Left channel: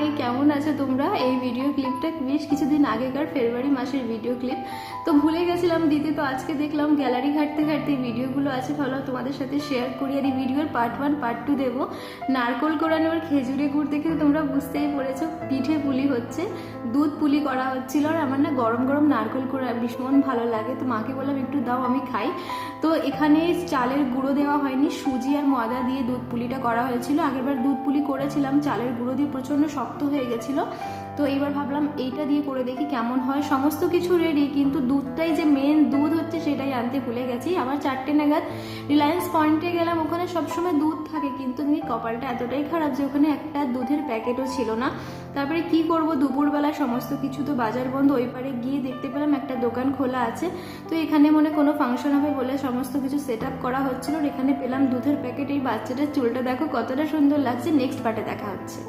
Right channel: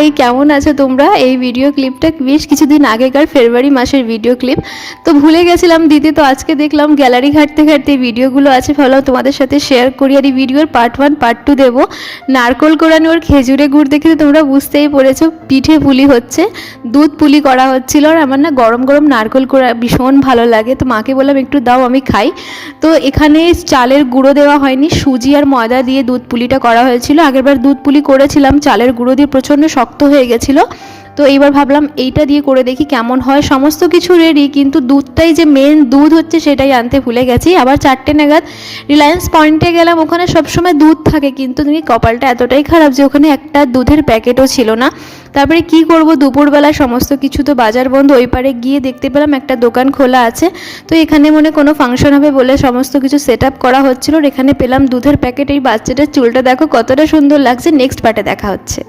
এই কেমন আছো তোমরা? এই ভিডিও ক্লিপটা বেশ কিছুদিন আগেকার ফেব্রুয়ারি মাসের ভিডিও ক্লিপ, তো ভুলে গেছিলাম দিতে। তো আজকে দেখলাম গ্যালারি ঘাঁটতে ঘাঁটতে ভিডিওগুলো আছে, ভালো তোমাদের সাথে শেয়ার করি। আর এই ভিডিওর পার্ট 1 পার্ট 2 দেবো। নারকোল কোড়ানো আর খেজুরে গুড় দেখে তো তোমরা বুঝতেই পেরেছো পিঠে পুলি হচ্ছে, দুধ পুলি করা হচ্ছিল। আর আমার না গরম গরম নারকোল কোড়া ভীষণ ভালো লাগে, তো মাকে বললাম একটু দাও আমি খাই। তো এখানে চালের গুঁড়ো দেওয়া হয়নি, সুজি আর ময়দা দিয়ে দুধ পুলিটা করা হয়েছিল। আগেরবার দুধ পুলি করেছিলাম চালের গুঁড়ো দিয়ে, প্রচণ্ড শক্ত হয়ে গেছিলো। তো এইবার ভাবলাম এইটা দিয়ে করে দেখি কেমন হয়। সমস্ত কিছু রেডি, কিন্তু দুধটাই যে মেন দুধ হচ্ছে সেটাই আনতে ভুলে গেছি। আবার 4টে নাগাদ রিলায়েন্স পয়েন্টে গেলাম, ওখানে সবসময় দুধ থাকে, কিন্তু তুমি কপালটা এতটাই খারাপ যে ওখানে একটা দুধের প্যাকেটও ছিল না। তারপরে কি করব, দুপুরবেলা সমস্ত কিছু তো বাজার বন্ধ। ওই পারে গিয়ে দেখতে পেলাম একটা দোকান খোলা আছে, তো এখানে মনে কোনো ফাংশন হবে বলে সমস্ত কিছু সেট আপ করা হচ্ছিল। এখানে পেলাম দুধের প্যাকেট। এই বাচ্চাটার চুলটা দেখো কতটা সুন্দর লাগছে। নেক্সট পার্টে দেখা হচ্ছে।